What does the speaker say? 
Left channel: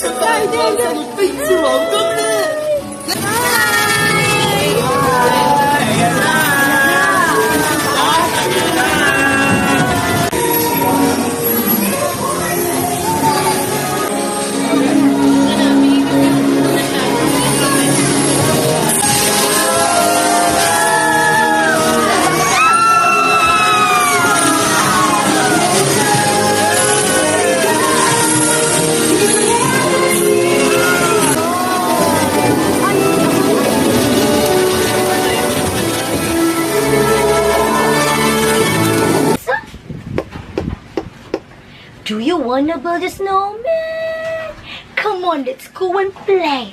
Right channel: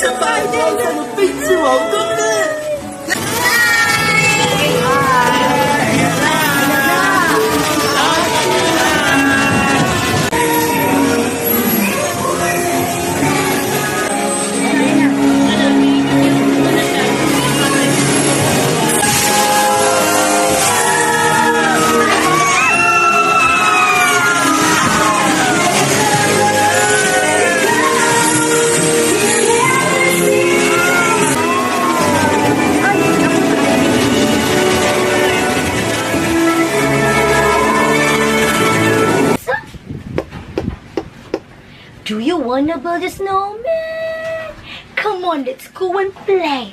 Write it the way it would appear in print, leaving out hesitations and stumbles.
这百年来的悲剧王宫呢？ Do you wanna build a snowman? Come on, let's go and play.